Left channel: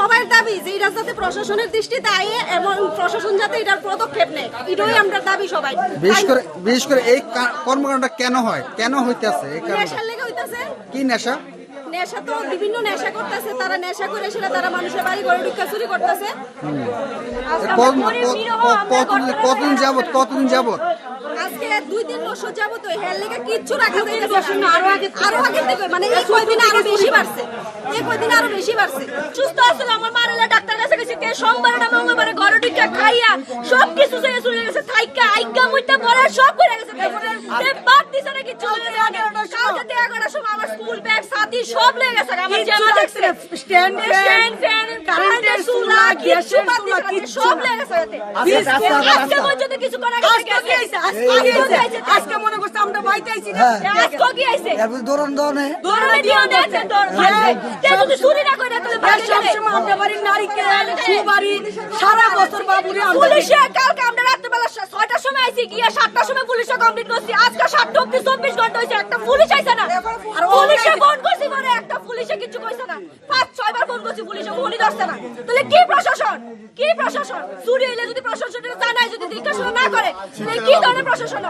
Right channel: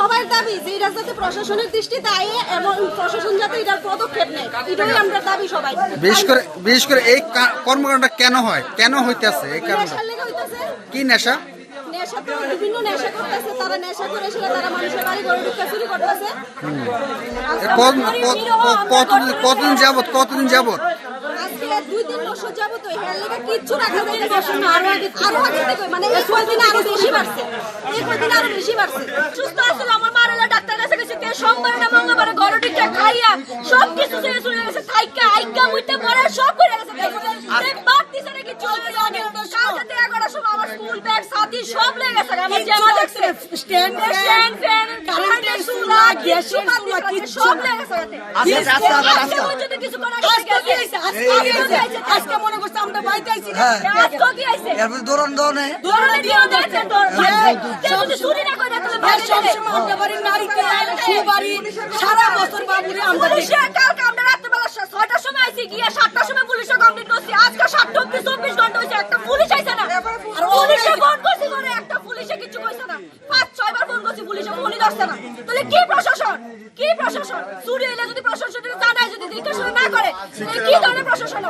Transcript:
সবাই দাবি যে এই রাস্তাতে প্রশাসনের দৃষ্টি দায়ী এবং প্রশাসন যাতে এটার পদক্ষেপ নেয়, এটাই আমরা দাবি সবাই। বিশেষ করে এই কর্মকাণ্ডটা কেন হয়, কেন হইতেছে? এই কারণে কি নেশা? নেশা তো বিভিন্ন নেশা করতেছে, তারা নেশা করেছিল, তারা মানুষের বাড়ি ঘরে ঢুকে চুরি করতেছে। কতদিন যাবত? আজকে 2-3 বছর যাবত হেয়ার লেগে কিচ্ছু রাখা যাইতেছে না। আরো আগে দেবে, মানে এই কয়দিন আরো বেশি বাড়ছে, সুস্থ আসলে আমার মারালা ডাক্তার কাছে গেছে, কে সোমবার না মঙ্গলবার ঘরে ঢুকে খাইয়া সব কিছু থেকে চলে গেছে, থাইকা আইকা মুইতে পড়ে সব করে গেছে। সে বাদ দিছে না কিছু, আগে কালকে 11টার সময় আমার স্কুল ব্যাগ সাথী সব লেগে গেছে। আমার জামা দেখছে স্ট্যান্ড ফ্যান কারেন্টের চুলা গ্যাসের চুলা কিছু সব লেগে গেছে। আজকে পর্যন্ত কিছু করা গেছে। আজকে মনে করছে আমরা বাইতে আইছি না, আজকে কি আইছে এরপর দরনে যদি চুরি না করে তাহলে ভাই সব সময় আমরা বাড়ির নারীকেল সুবাড়ি সারা বছর বাবুরে আমরা পুলিশে কালকে আমরা রাতে বেলা 6টার সময় আইছি, গিয়া 7টার সময় পুলিশে কমপ্লিট করছি। আজকে 7টা অবধি 24 ঘন্টা হইছে, একটা পুলিশ আইছে না। আর পুলিশে ফোন করছি পরে একটা পুলিশে কিছু কইছে না, 5-6 বার ফোন করছি, পুলিশে ফোনই ধরছে না। তাহলে কি প্রশাসন? চুরি হইলে যদি প্রশাসন জানায়, যদি জিজ্ঞাসা না করে, তাহলে কি ধরনের প্রশাসন?